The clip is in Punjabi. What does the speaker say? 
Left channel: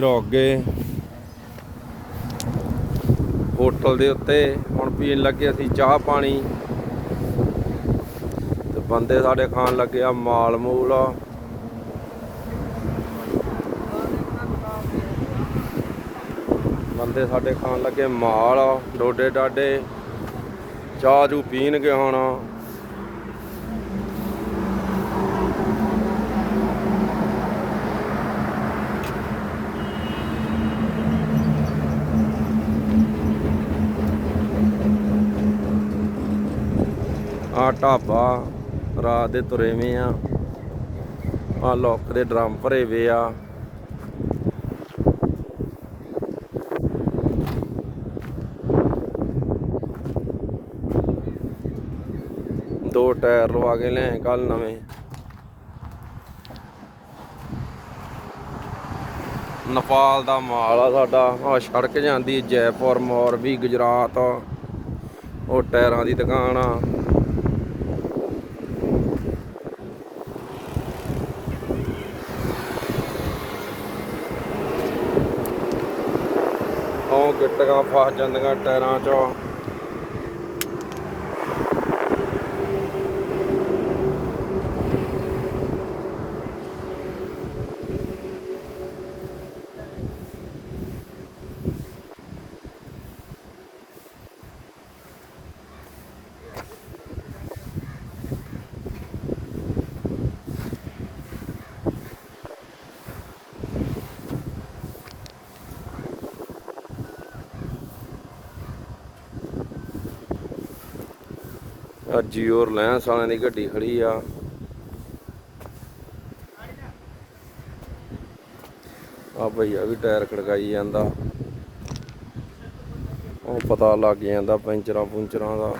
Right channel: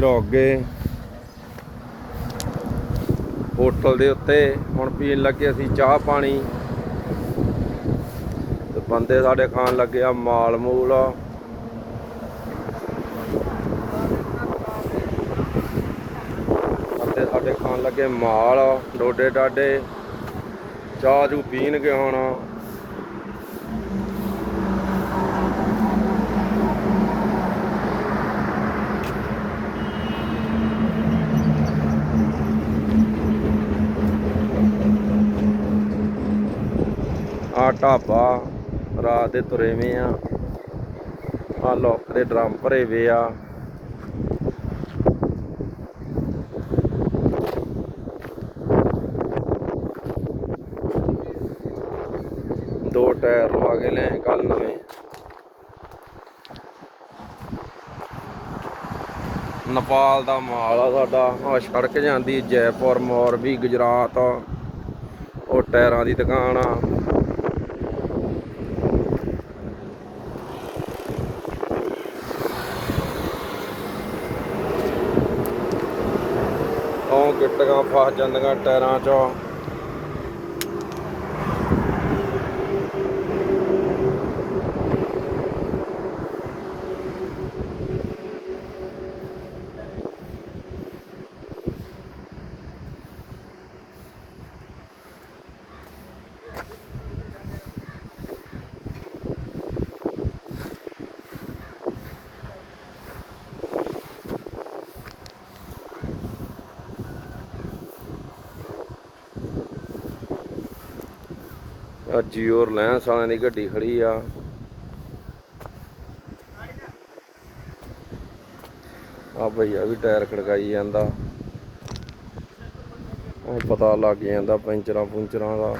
ਰੁਕ ਗਏ ਹੋਟਲ ਦੇ ਉੱਤੇ ਹੁਣ ਪੀਣ ਲੱਗੇ ਅਸੀਂ ਚਾਹ ਪਾਣੀ। ਤੇ ਬੰਦੇ ਸਾਡੇ ਖਾਣ ਲੱਗੇ ਆ ਮਾਲ ਮੂਲ। ਬੰਦੇ ਸਾਡੇ ਖਾਣ ਲੱਗੇ ਮਾਲ ਡੋਡੇ ਡਾਡੇ ਚਾਹ ਜੂ ਪੀਣਗੇ ਹੁਣ। ਆ ਢਾਬਾ ਰਾਤ ਦੇ ਤੁਰੇਵੇਂ ਆ। ਆ ਲੋਕ ਦੇ ਡਰਮ ਭਰੇ ਵੇ ਆ। ਦੋ ਟਾਇਰ ਲਵਾ ਕੇ ਲੈ ਕੱਲ ਨਵੇਂ। ਨੇਪਾਲ ਦਾ ਮਾਲ ਆ ਸਾਡਾ। ਆ ਸੜਕ ਜਾਂਦੀ ਜੈਪੁਰ ਮੋਰਬੀ ਗੁਜਰਾਤ। ਉਹ ਟਾਇਰਾਂ ਦੀ ਦੁਕਾਨ ਆ। ਉਹ ਫਸ ਜਾਂਦੀਆਂ ਟਾਇਰਾਂ 'ਚ। ਆ ਜੀਓ ਰਿਲਾਇੰਸ ਵਾਲਿਆਂ ਦੀ ਗੱਡੀ ਖੜੀ ਆ। ਆ ਭਈਆ ਵੀ ਟਾਇਰ ਖੜਕਾਈ ਜਾਂਦਾ। ਉਹ ਪਤਾ ਲੱਗ ਜਾਂਦਾ ਪੈਂਚਰਾਂ ਪੁੰਚਰਾਂ ਦਾ।